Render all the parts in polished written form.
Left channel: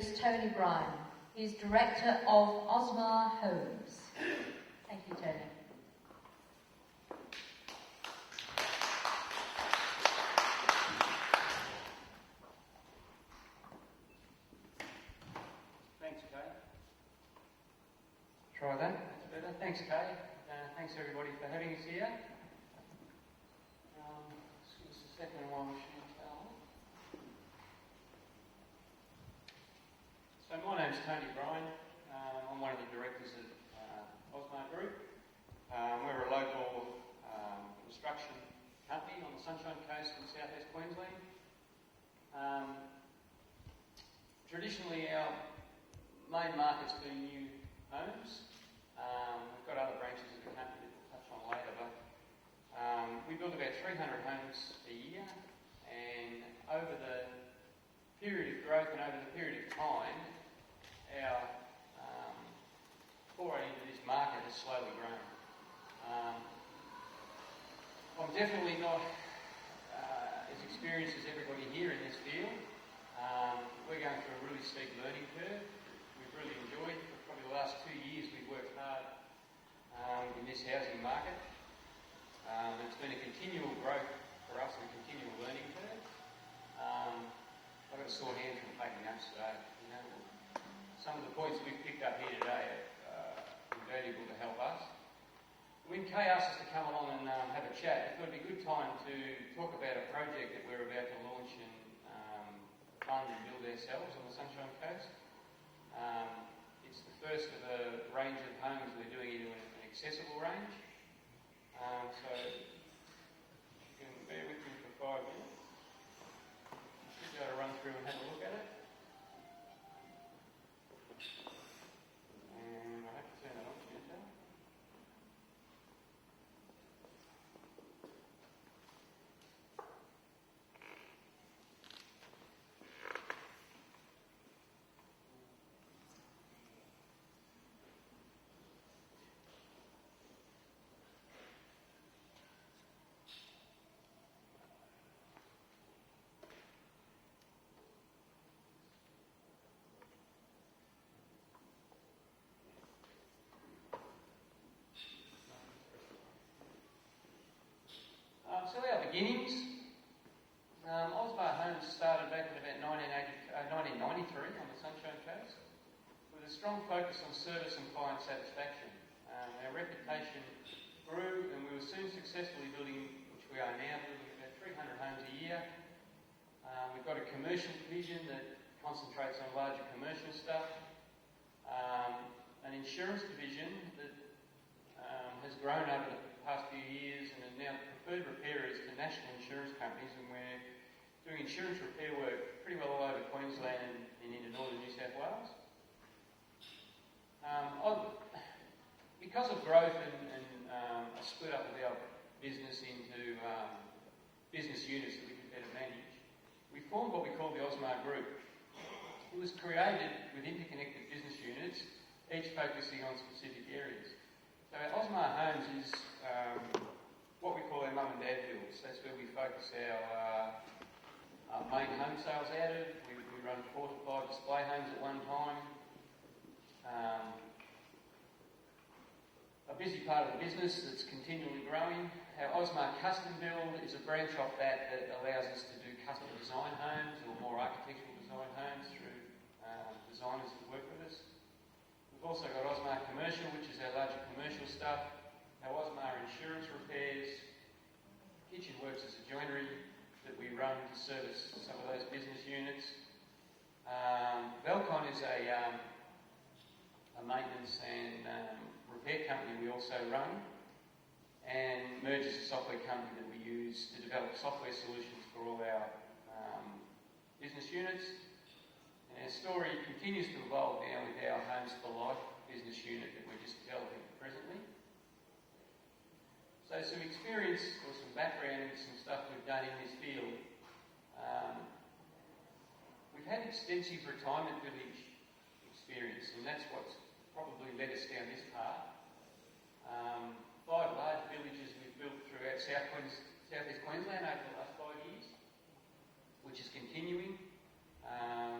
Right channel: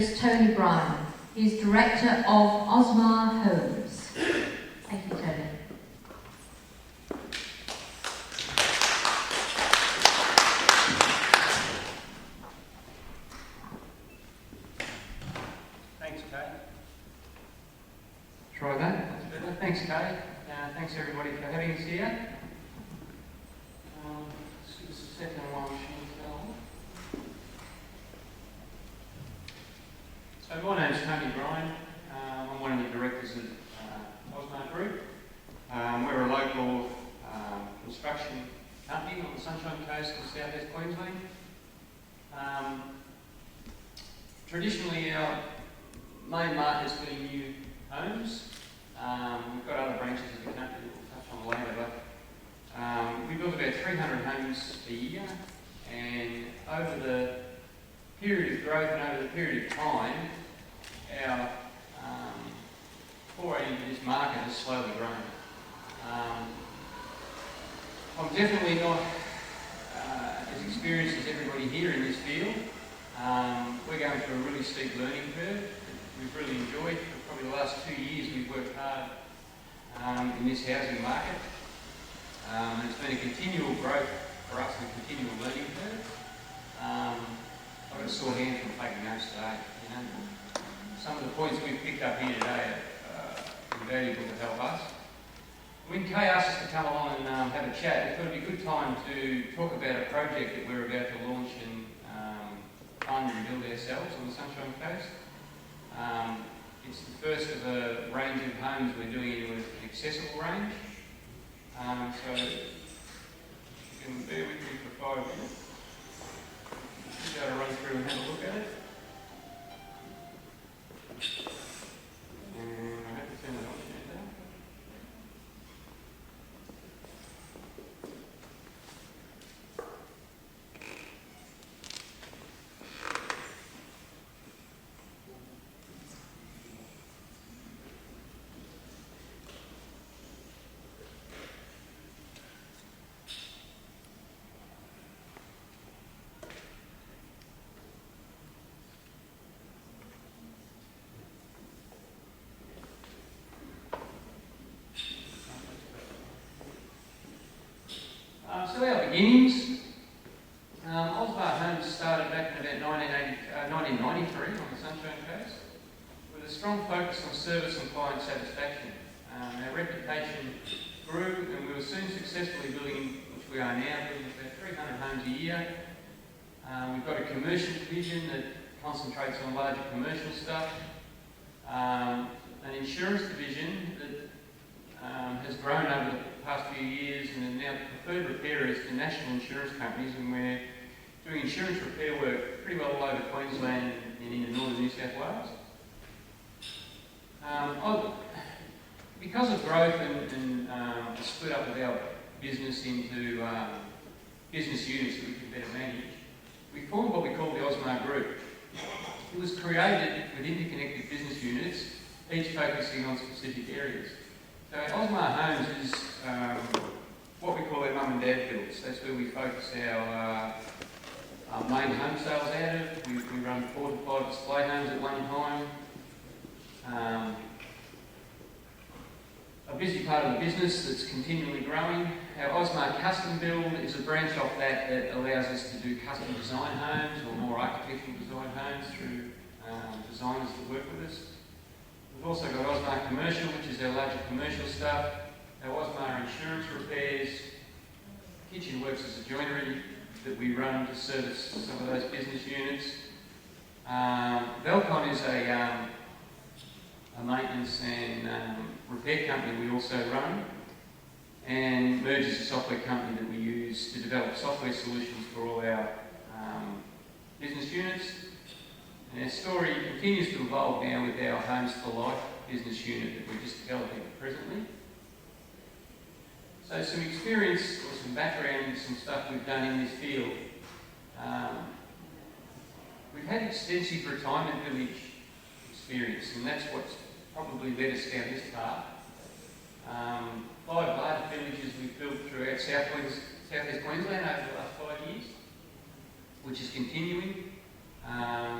is Tony Bryan. He's Director of Osmar Homes. Thank you, Tony. Thanks, Kate. Try that. That's better. Thanks, Kate. Thanks, everybody, for having us here. Just a second while she's going. So my name's Tony Bryan. I'm one of the directors at Osmar Group. We're a local construction company on the Sunshine Coast of South East Queensland. Traditionally, our main market has been new homes. We've got other branches of the country that we'll touch on later, but we build about 300 homes a year, and over the period of growth and over the period of time, our foray into this market has slowly grown. I'm definitely not as experienced as everybody here in this field. We're going through a really steep learning curve that we've really enjoyed. For probably the last 2 years we've worked hard in this housing market. And it's been a continual growth for us and a continual learning curve. I've got a sore hand from taking notes today. You know? Some of the points we've picked up here today are invaluable to help us. When Kay asked us to come along and have a chat, we thought it'd be a good time to talk about a project that we're about to launch and fund and build ourselves on the Sunshine Coast. It's the first of a range of homes we're doing in an accessible range. So you can bear with me for 5 minutes. Just go to run through and have a look at it. And I have to turn it on now. So our beginnings, Osmar Homes started back in about 1993 on the Sunshine Coast with a strong focus on service and client satisfaction. Our reputation grew and we were soon successfully building, which we are now, building about 300 homes a year. We've got a commercial division that concentrates on larger commercial stuff, an insurance division that has grown over the past few years and are now the preferred repairers to national insurance companies, and we're doing insurance repair work pretty well all over Queensland and into northern New South Wales. Because of growth and the split up of our business into business units that we could better manage, we formed what we call the Osmar Group. It was created with interconnected business units, each focusing on specific areas. So Osmar Homes is what we call our mum and dad builds. That's where we focus our main home sales out of. We run 4 to 5 display homes at one time. A busy part of the business that's continually growing. Our Osmar Custom Build is a branch off that allows us to do custom design homes or more architectural design homes through designers that work with us. We've also got Osmar Commercial, which is our larger commercial stuff. Our Osmar Insurance Repairs. Kitchen Works as a joinery that we run to service some of those business units. Velcon is a maintenance and repair company we also run. And Merge is a software company that we use to develop software solutions for all our business units. And our story continues to evolve now with our Homes for Life business unit that we're just developing presently. So some experience or some background and some stuff we've done in this field. We've had extensive retirement village experience, and that's what's probably led us down this path. 5 large villages we've built throughout South East Queensland over the last 5 years, which is continuing.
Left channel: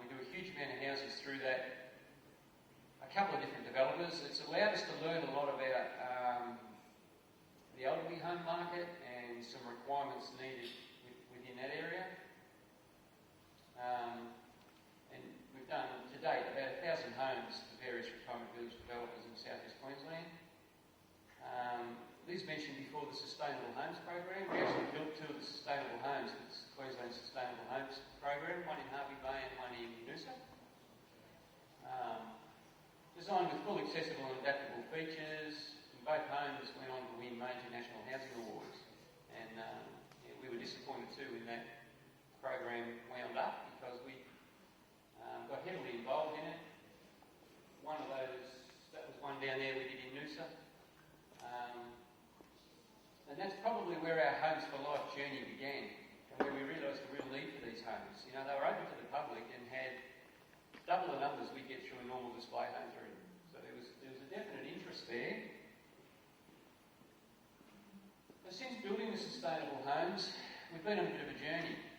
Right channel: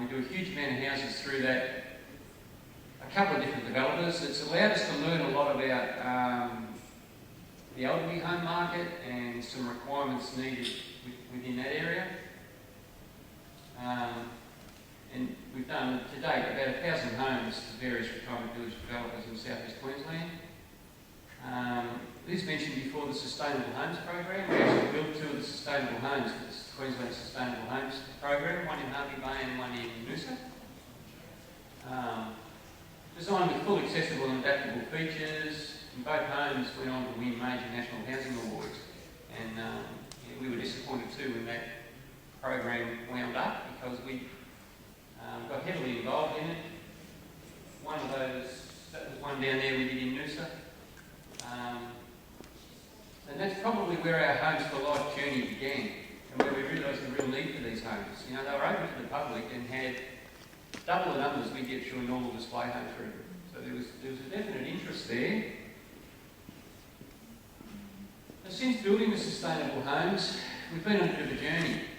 We do a huge amount of houses through that. A couple of different developers. It's allowed us to learn a lot about the elderly home market and some requirements needed within that area. And we've done to date about 1,000 homes to various retirement village developers in South East Queensland. Liz mentioned before the Sustainable Homes program. We actually built 2 of the sustainable homes for the Queensland Sustainable Homes program, one in Harvey Bay and one in Noosa. Designed with full accessible and adaptable features, and both homes went on to win major national housing awards. And we were disappointed too when that program wound up because we got heavily involved in it. One of those, that was one down there we did in Noosa. And that's probably where our Homes for Life journey began, and where we realised the real need for these homes. You know, they were open to the public and had double the numbers we get through a normal display home through. So there was a definite interest there. Now, since building the sustainable homes, we've been on a bit of a journey.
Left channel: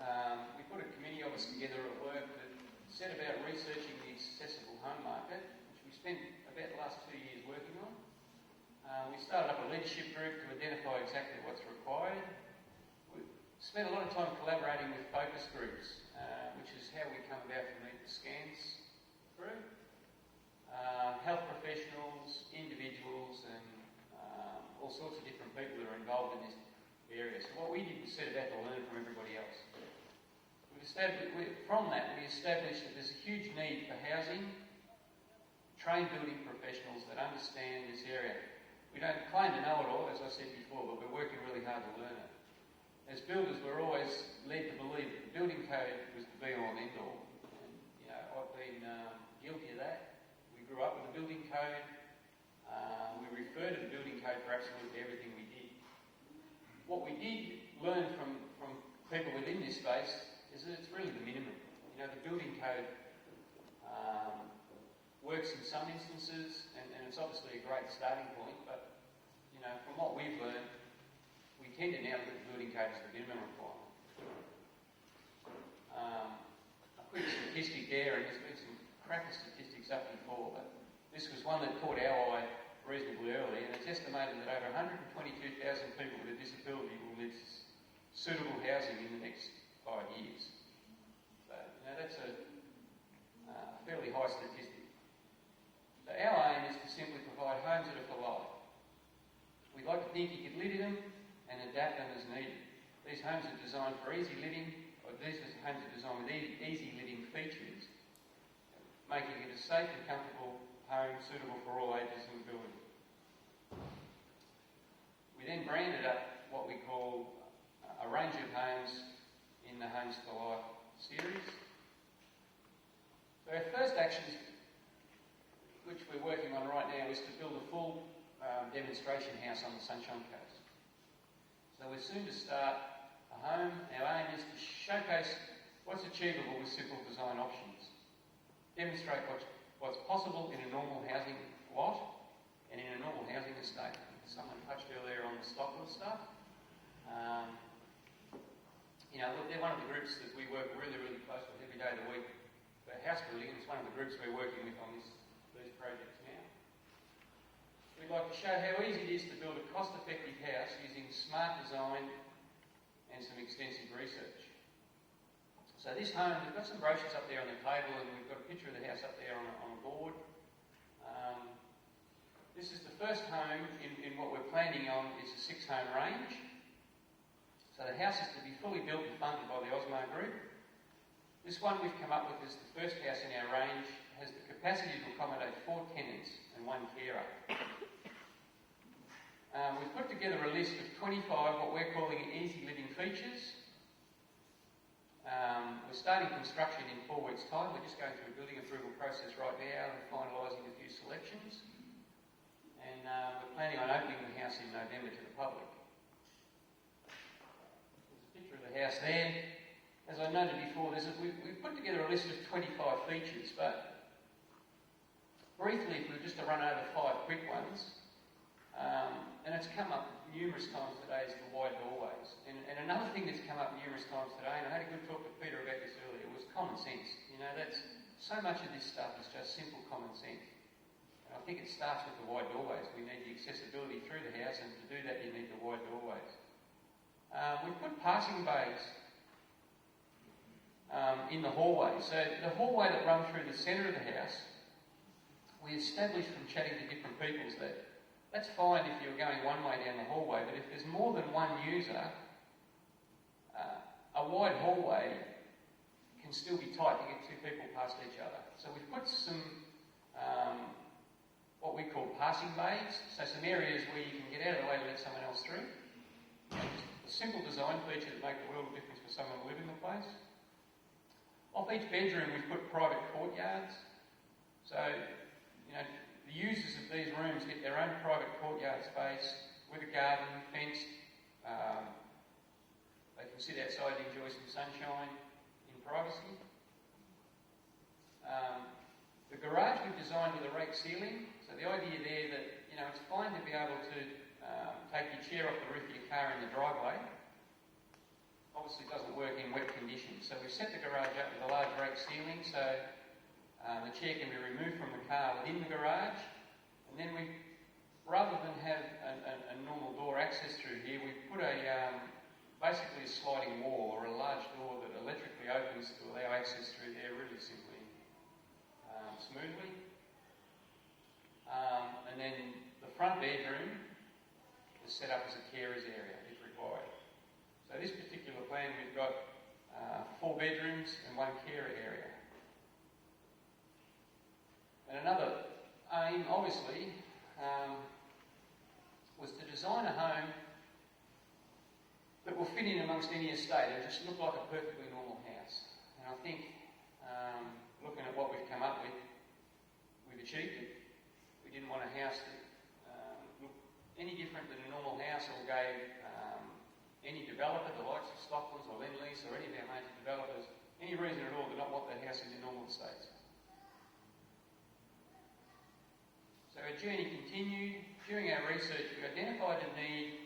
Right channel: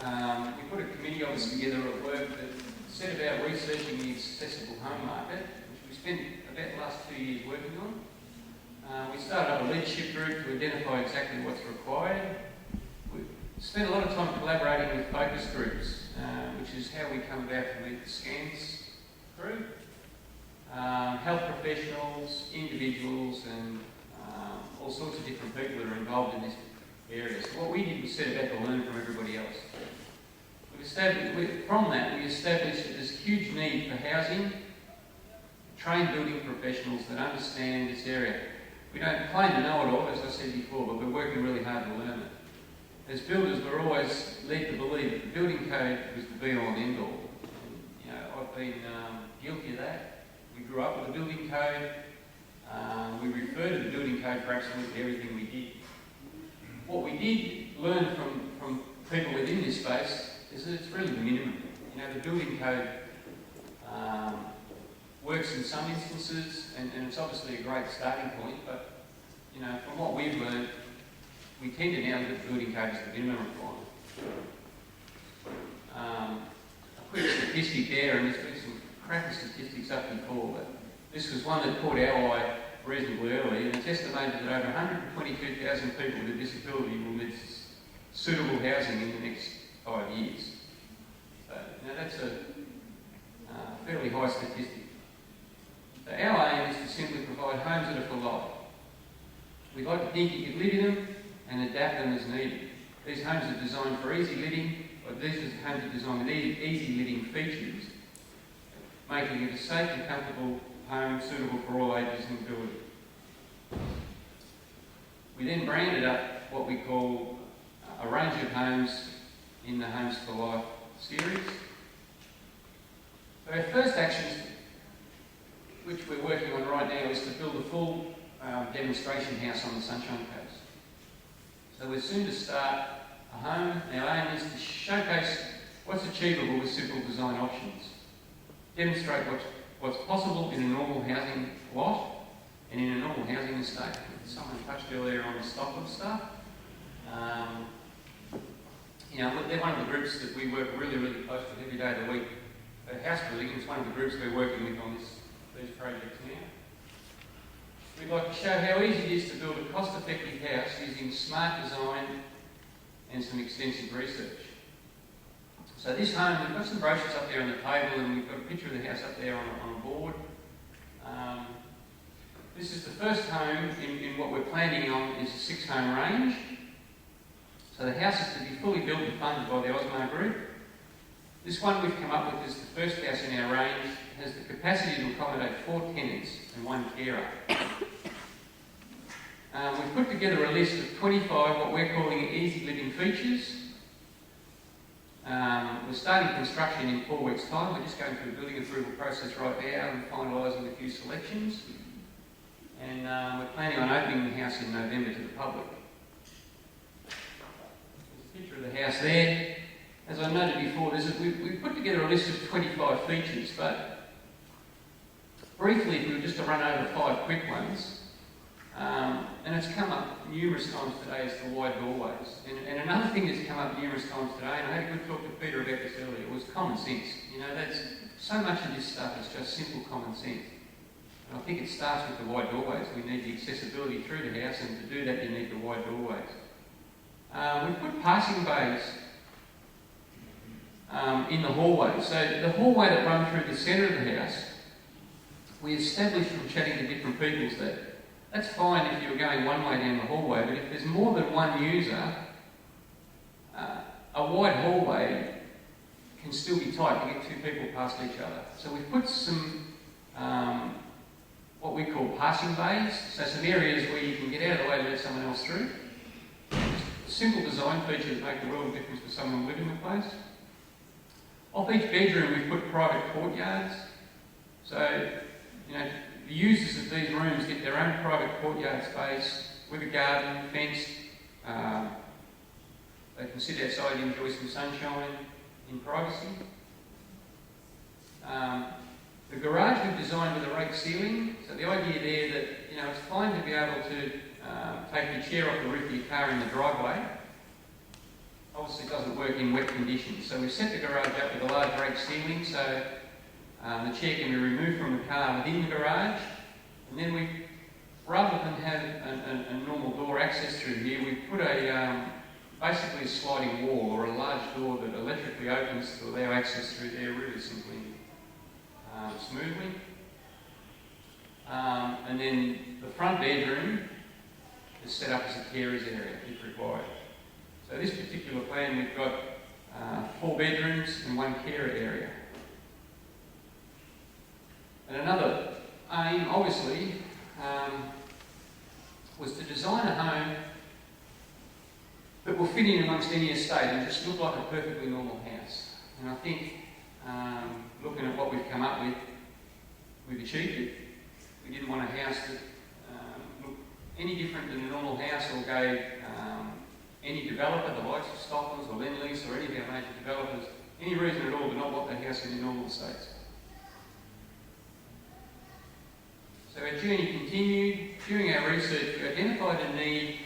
We put a committee of us together at work that set about researching the accessible home market, which we spent about the last 2 years working on. We started up a leadership group to identify exactly what's required. We spent a lot of time collaborating with focus groups, which is how we come about to meet the SCANS crew. Health professionals, individuals, and all sorts of different people that are involved in this area. So what we did was set about to learn from everybody else. From that, we established that there's a huge need for housing, trained building professionals that understand this area. We don't claim to know it all, as I said before, but we're working really hard to learn it. As builders, we're always led to believe that the building code was the be-all and end-all. You know, I've been guilty of that. We grew up with the building code. We refer to the building code for absolutely everything we did. What we did learn from people within this space is that it's really the minimum. You know, the building code works in some instances, and it's obviously a great starting point, but, you know, from what we've learned, we tend to now look at the building code as the minimum requirement. A quick statistic there, and there's been some crappy statistics up before, but this was one that caught our eye reasonably early, and it's estimated that over 122,000 people with a disability will need suitable housing in the next 5 years. So, you know, that's a fairly high statistic. So our aim is to simply provide homes that are for life. We'd like to think you could live in them and adapt them as needed. These homes are designed for easy living, or these homes are designed with easy living features, making it a safe and comfortable home suitable for all ages and ability. We then branded up what we call a range of homes in the Homes for Life series. Our first actions, which we're working on right now, is to build a full demonstration house on the Sunshine Coast. So we're soon to start a home. Our aim is to showcase what's achievable with simple design options, demonstrate what's possible in a normal housing lot and in a normal housing estate. Someone touched earlier on the stock of stuff. You know, they're one of the groups that we work really, really close with every day of the week. House building is one of the groups we're working with on these projects now. We'd like to show how easy it is to build a cost-effective house using smart design and some extensive research. So this home, we've got some brochures up there on the table, and we've got a picture of the house up there on a board. This is the first home in what we're planning on is a 6-home range. So the house is to be fully built and funded by the Osmar Group. This one we've come up with is the first house in our range, has the capacity to accommodate 4 tenants and 1 carer. We've put together a list of 25 what we're calling easy living features. We're starting construction in 4 weeks' time. We're just going through the building approval process right now and finalising a few selections. And we're planning on opening the house in November to the public. There's a picture of the house there. As I noted before, we've put together a list of 25 features, but briefly, if we were just to run over 5 quick ones, And it's come up numerous times today is the wide doorways. And another thing that's come up numerous times today, and I had a good talk to Peter about this earlier, was common sense. You know, that's so much of this stuff is just simple common sense. And I think it starts with the wide doorways. We need the accessibility through the house, and to do that you need the wide doorways. We've put passing bays in the hallway. So the hallway that runs through the centre of the house, we established from chatting to different people that that's fine if you're going one way down the hallway, but if there's more than one user, a wide hallway can still be tight to get two people past each other. So we've put some what we call passing bays, so some areas where you can get out of the way and let someone else through. Just simple design features make a world of difference for someone living in the place. Off each bedroom we've put private courtyards. So, you know, the users of these rooms get their own private courtyard space with a garden, fenced. They can sit outside and enjoy some sunshine in privacy. The garage we've designed with a rake ceiling. So the idea there that, you know, it's fine to be able to take your chair off the roof of your car in the driveway. Obviously it doesn't work in wet conditions. So we've set the garage up with a large rake ceiling so the chair can be removed from the car within the garage, and then we, rather than have a normal door access through here, we put basically a sliding wall or a large door that electrically opens to allow access through there really simply, smoothly. And then the front bedroom is set up as a carer's area if required. So this particular plan we've got 4 bedrooms and 1 carer area. And another aim, obviously, was to design a home that will fit in amongst any estate and just look like a perfectly normal house. And I think, looking at what we've come up with, we've achieved it. We didn't want a house that looked any different than a normal house or gave any developer, the likes of Stocklands or Lendlease or any of our major developers, any reason at all to not want the house in the normal estates. So our journey continued. During our research, we identified a need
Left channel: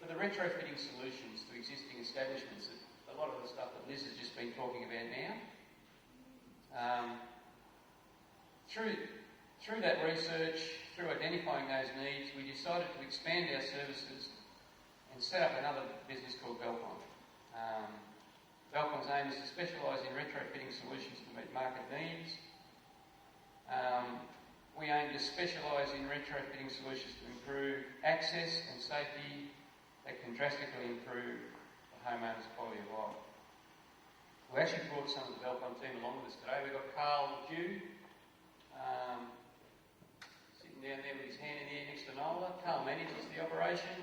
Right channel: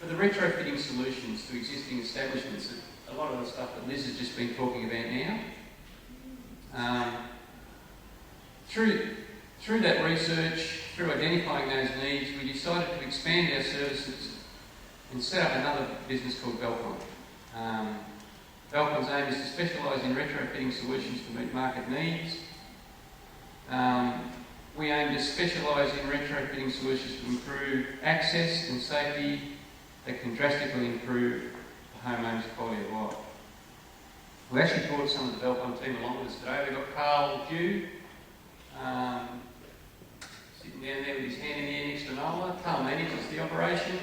for the retrofitting solutions to existing establishments. A lot of the stuff that Liz has just been talking about now. Through that research, through identifying those needs, we decided to expand our services and set up another business called Valcon. Valcon's aim is to specialise in retrofitting solutions to meet market needs. We aim to specialise in retrofitting solutions to improve access and safety that can drastically improve the homeowner's quality of life. We actually brought some of the Valcon team along with us today. We've got Carl Dew, sitting down there with his hand in the air next to Nola. Carl manages the operation.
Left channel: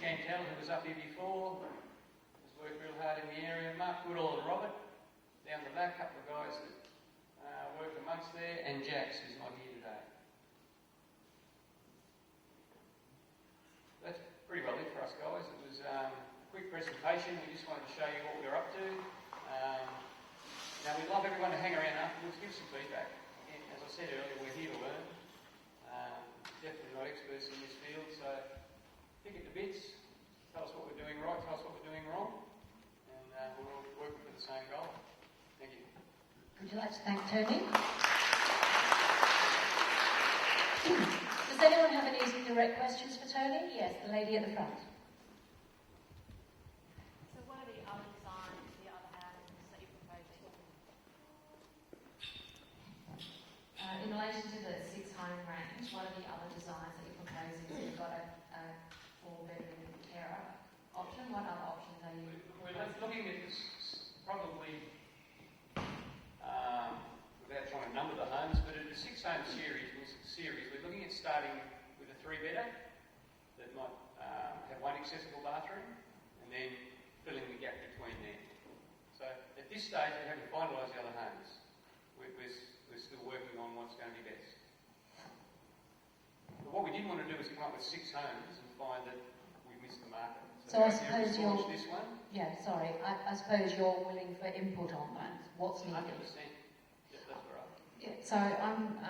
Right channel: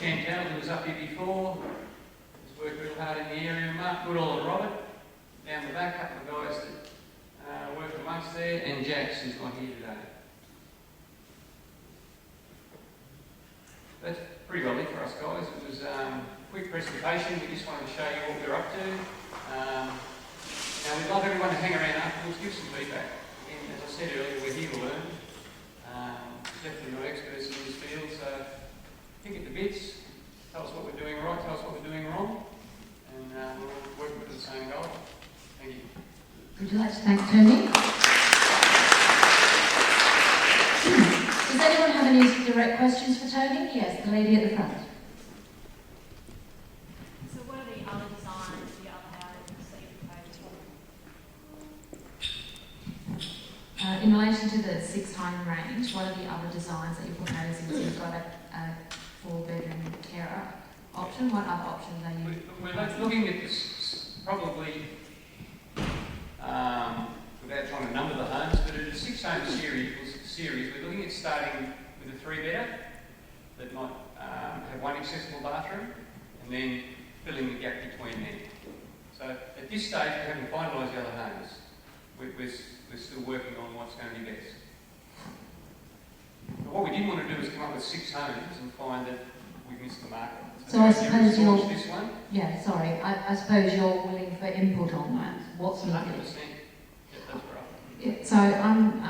Chantal, who was up here before, has worked real hard in the area. Mark Goodall and Robert, down the back, a couple of guys that work amongst there, and Jax, who's not here today. That's pretty well it for us, guys. It was a quick presentation. We just wanted to show you what we're up to. Now, we'd love everyone to hang around afterwards, give some feedback. Again, as I said earlier, we're here to learn. Definitely not experts in this field, so think at the bits, tell us what we're doing right, tell us what we're doing wrong, and we're all working for the same goal. Thank you. Would you like to thank Tony? Does anyone have any direct questions for Tony? Yes, the lady at the front. So what are the other designs, the other homes that you proposed? In relation to the 6-home range, what are the other designs that you're proposing? So you've got a 4-bedroom carer option. What other options are you? We're looking at this probably, without trying to number the homes, but in a 6-home series, we're looking at starting with a 3-bedder that might have 1 accessible bathroom, and then filling the gap between them. So at this stage, we haven't finalised the other homes. We're still working on what's going to be best. But what we didn't want to do is come up with 6 homes and find that we missed the market. So I suppose you're... This one? Yeah, sorry. I suppose you're willing for input on that. What's 100%. needed? Yeah, that's right. Yeah, so I'm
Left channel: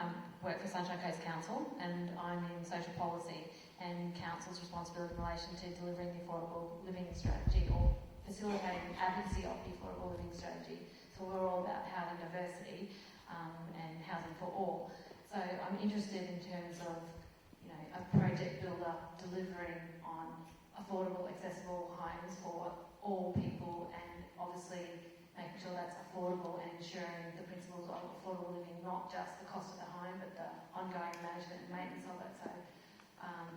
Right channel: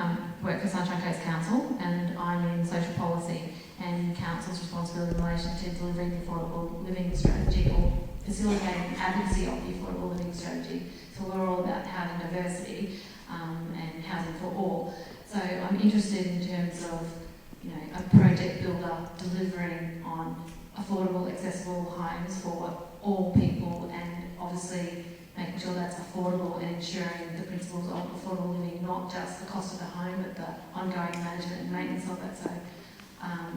work for Sunshine Coast Council, and I'm in social policy and council's responsibility in relation to delivering the affordable living strategy or facilitating advocacy of the affordable living strategy. So we're all about housing diversity and housing for all. So I'm interested in terms of, you know, a project builder delivering on affordable, accessible homes for all people, and obviously making sure that's affordable and ensuring the principles of affordable living, not just the cost of the home, but the ongoing management and maintenance of it. So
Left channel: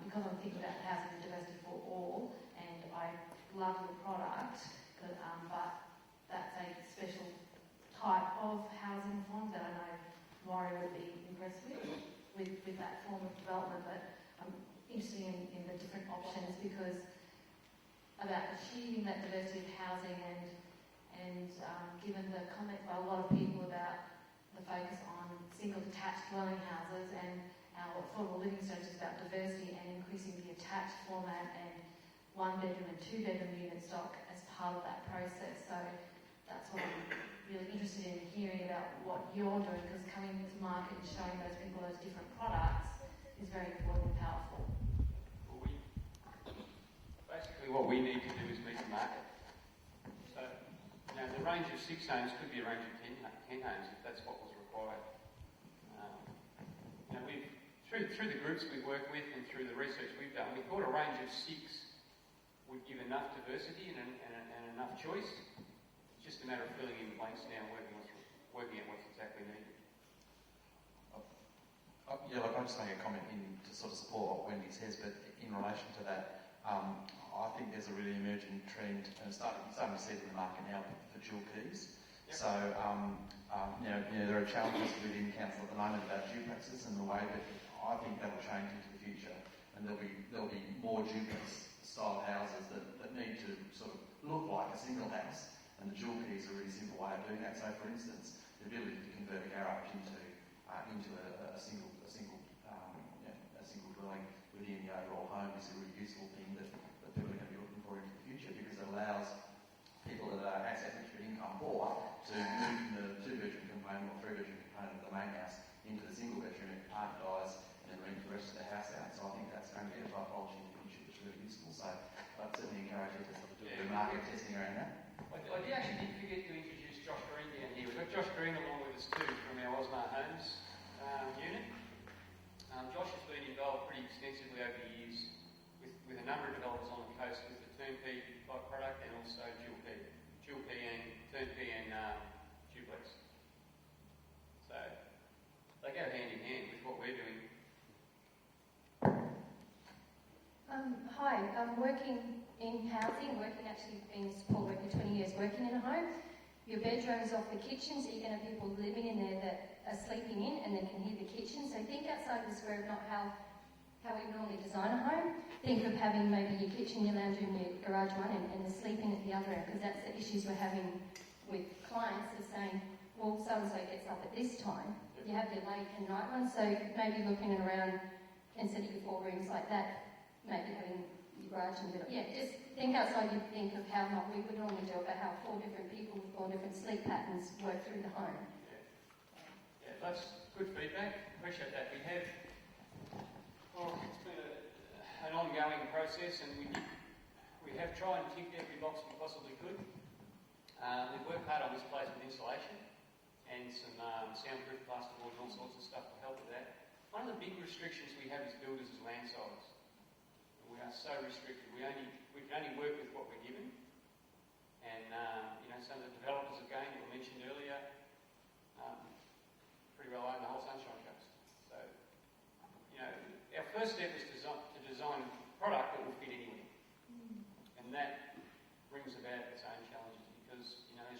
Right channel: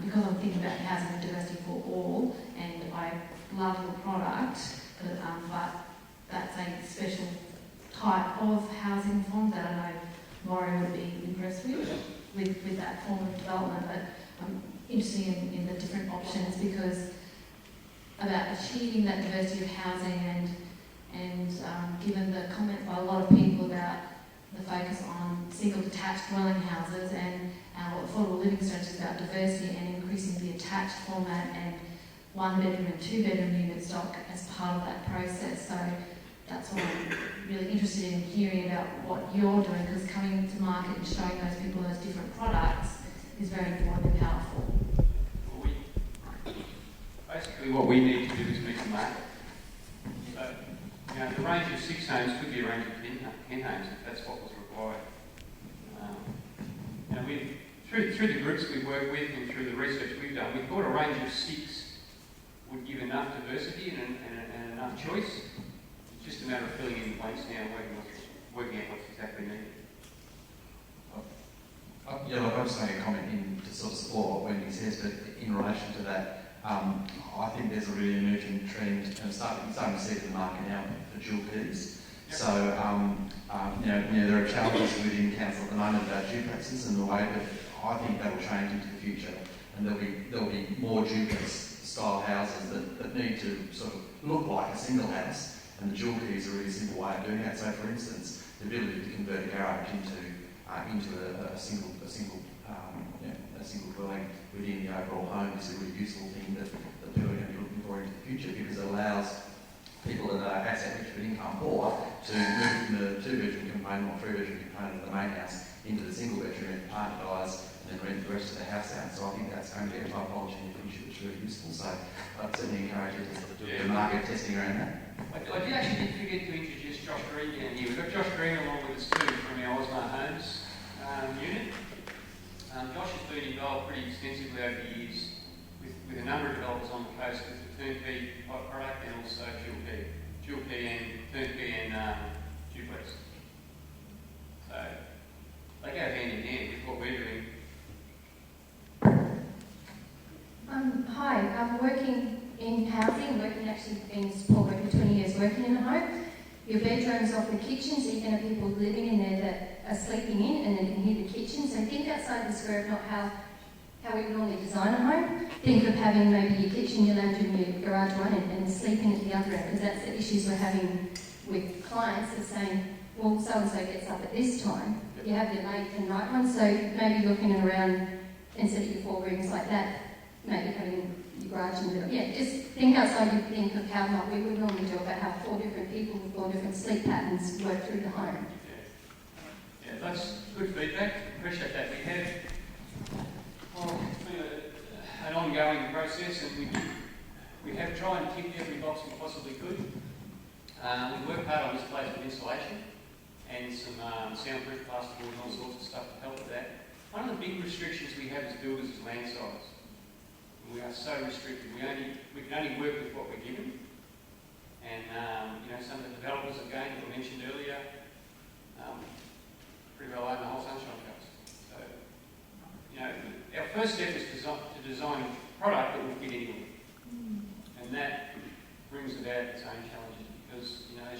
because I'm thinking about housing diversity for all, and I love your product, but that's a special type of housing form that I know Maureen would be impressed with that form of development. But I'm interested in the different options, because about achieving that diversity of housing and given the comments by a lot of people about the focus on single detached dwelling houses, and our affordable living strategy is about diversity and increasing the attached format and 1 bedroom and 2 bedroom unit stock as part of that process. So that's what I'm really interested in hearing about what you're doing, because coming to market and showing those people those different products is very important and powerful. Basically what we need to do is meet the market. So, you know, the range of 6 homes could be a range of 10 homes if that's what was required. You know, through the groups we work with and through the research we've done, we thought a range of 6 would give enough diversity and enough choice. It's just a matter of filling in the blanks now and working out what's exactly needed. Yeah, look, I'll just make a comment to sort of support what Wendy says, but in relation to that, I think there's a really emerging trend, and you're starting to see it in the market now for dual keys. Yep. So, you know, there are challenges within council at the moment about duplexes and the way that I think that will change into the future, and there'll be more duplex style houses that need to sort of look like a single house, and the dual key is a really simple way of doing that. So, for instance, the ability to convert a garage into a single dwelling within the overall home is a really useful thing that people are going to be looking for into the future, because it allows people that are asset rich but income poor to move from the 2-bedroom component or 3-bedroom component of the main house into the single bedroom and partner buys and then rent the rest of the house out. So I think that's going to be a typology in the future that's really useful. So I'd certainly encourage you to do the market testing around that. I did actually forget to introduce Josh Green down here. We've got Josh Green along with us too from our Osmar Homes unit. Josh has been involved pretty extensively over the years with a number of developers on the coast with the turnkey product and also dual key and turnkey and duplex. So they go hand in hand with what we're doing. Hi, I'm working in housing, actually been support worker for 20 years working in a home. Your bedroom's off the kitchen, so you're going to have people living in there that are sleeping in and then can hear the kitchen. So think outside the square of not how we would normally design a home. Think of having maybe your kitchen, your lounge and your garage one and the sleeping at the other end, because that's the issues we're having with clients are saying, well, so-and-so gets up at this time. You have your late and night one, so maybe looking around instead of your 4 rooms like that, maybe having your garage in the middle. Yeah, just think outside you think of how not we would normally do about how 4 different people with 4 different sleep patterns work through the home. Yeah, that's good feedback. Appreciate that. We have an ongoing process, and we have tried and ticked every box we possibly could. We worked hard on this place with insulation and some soundproof plasterboard and all sorts of stuff to help with that. One of the big restrictions we have as builders is land size. We are so restricted. We can only work with what we're given. And you know, some of the developers again that were mentioned earlier pretty well own the whole Sunshine Coast. So you know, our first step is to design a product that will fit anywhere, and that brings about its own challenges because you know, as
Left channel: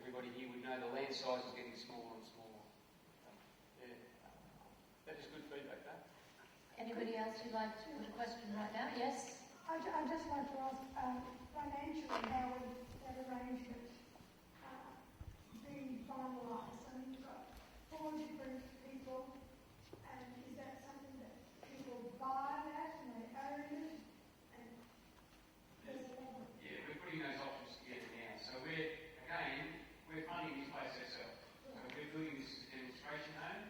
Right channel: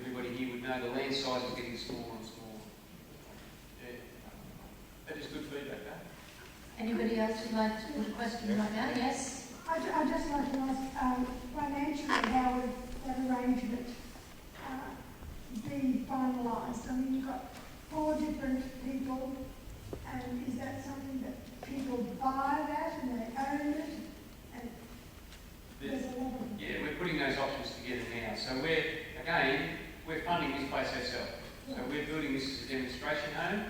everybody here would know, the land size is getting smaller and smaller. Yeah, that is good feedback, though. Anybody else would like to put a question like that? Yes? I'd just like to ask, financially, how would that arrangement be finalised? I mean, you've got 4 different people, and is that something that people buy that and they own it? And there's a lot of... Yeah, we're putting those options together now. So we're funding this place ourselves. So we're building this as a demonstration home.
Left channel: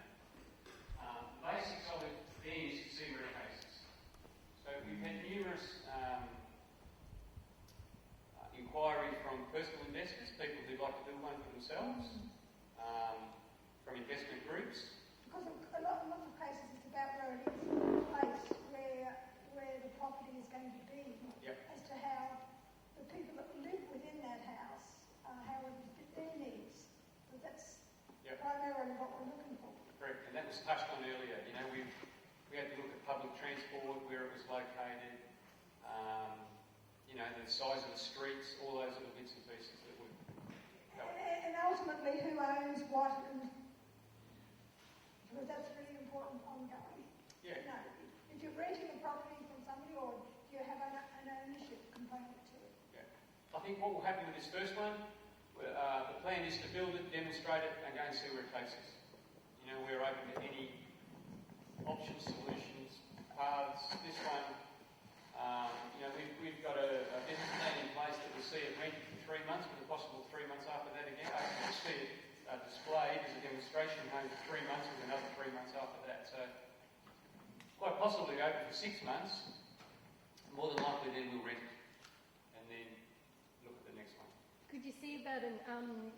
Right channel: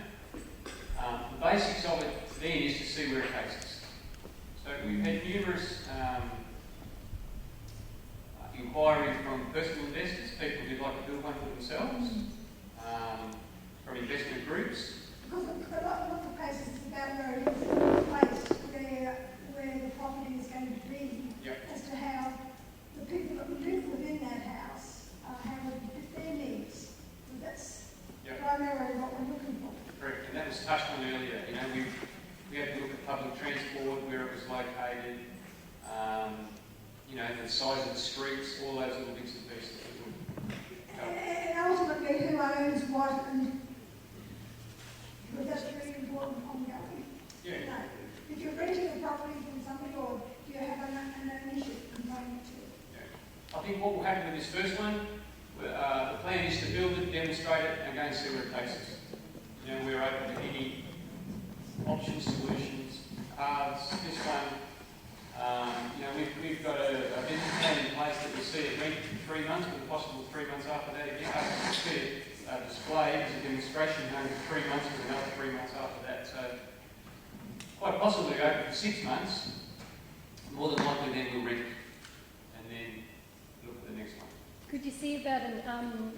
touched on earlier, you know, we had to look at public transport, where it was located, you know, the size of the streets, all those little bits and pieces that would help. And ultimately, who owns what, and because that's really important ongoing. Yeah. You know, if you're renting a property from somebody, or do you have an ownership component to it? I think what will happen with this first one, the plan is to build it, demonstrate it, and go and see where it takes us. You know, we're open to any options, solutions, paths. This one, you know, we've got a business plan in place that we see it rent for 3 months, with a possible 3 months after that again. We see it displayed as a demonstration home for 3 months, with another 3 months after that. So quite possibly open for 6 months. More than likely, then we'll rent it, and then look at the next one. Could you see about a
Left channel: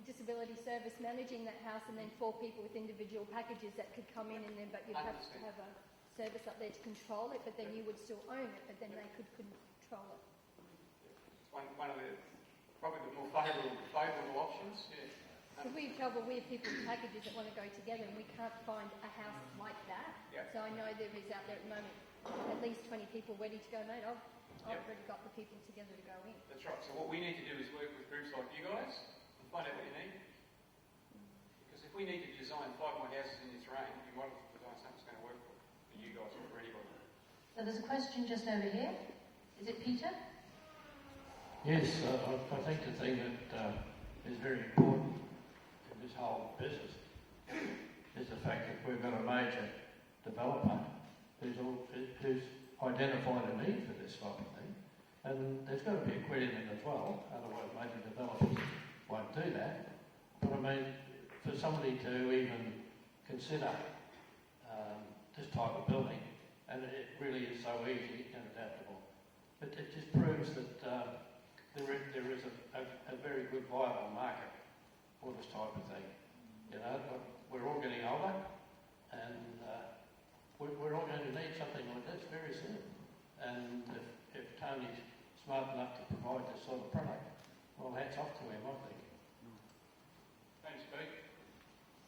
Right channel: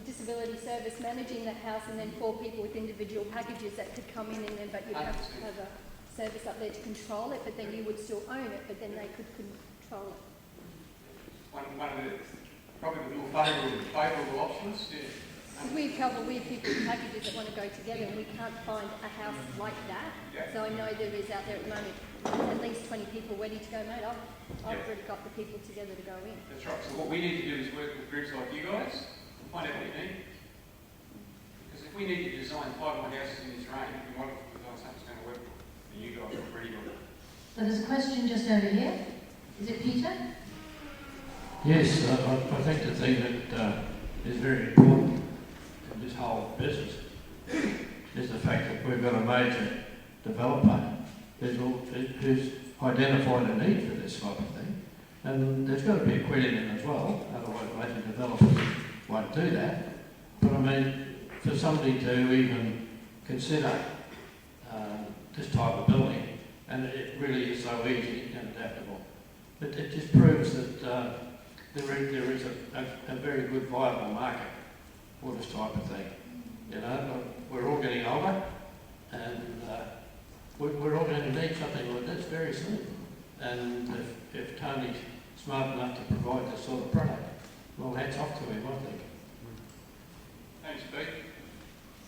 disability service managing that house, and then 4 people with individual packages that could come in, and then but you'd have to 100%. have a service up there to control it, but then you would still own it, but then they could control it. One of the probably the more favourable options. Yeah. We have people with packages that want to go together, and we can't find a house like that. Yeah. So I know there is out there at the moment at least 20 people ready to go, mate. I've already got the people together to go in. That's right. So what we need to do is work with groups like you guys and find out what you need. Because if we need to design 5 more houses in this range, we might have to design something that's going to work for you guys already. So there's a question just over here. Is it Peter? Yes, I think the thing that is very important in this whole business is the fact that we've got a major developer who's identified a need for this type of thing, and there's got to be a credit in as well, otherwise major developers won't do that. But I mean, for somebody to even consider this type of building, and it really is so easy and adaptable, it just proves that there is a very good viable market for this type of thing. You know, we're all getting older, and we're all going to need something like this very soon. And if Tony's smart enough to provide this sort of product, well, hats off to him, I think. Thanks, Pete.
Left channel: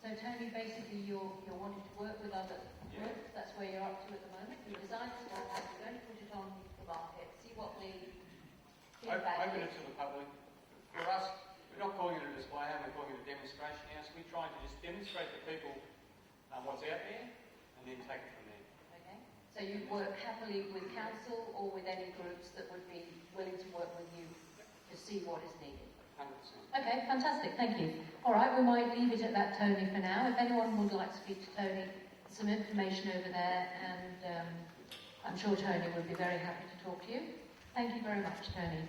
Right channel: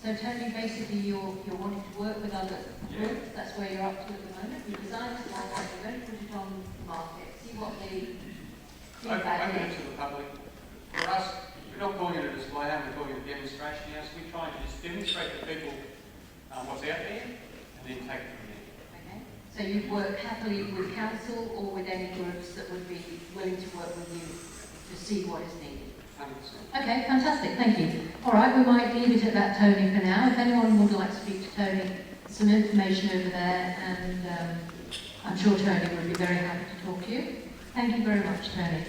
So Tony, basically you're wanting to work with other groups, that's where you're up to at the moment. You designed it well, you're going to put it on the market, see what the feedback Open is. it to the public. For us, we're not calling it a display home, we're calling it a demonstration house. We're trying to just demonstrate to people what's out there, and then take it from there. Okay. So you'd work happily with council or with any groups that would be willing to work with you to see what is needed? 100%. Okay, fantastic, thank you. All right, we might leave it at that, Tony, for now. If anyone would like to speak to Tony, some information over there, and I'm sure Tony would be very happy to talk to you. Thank you very much, Tony.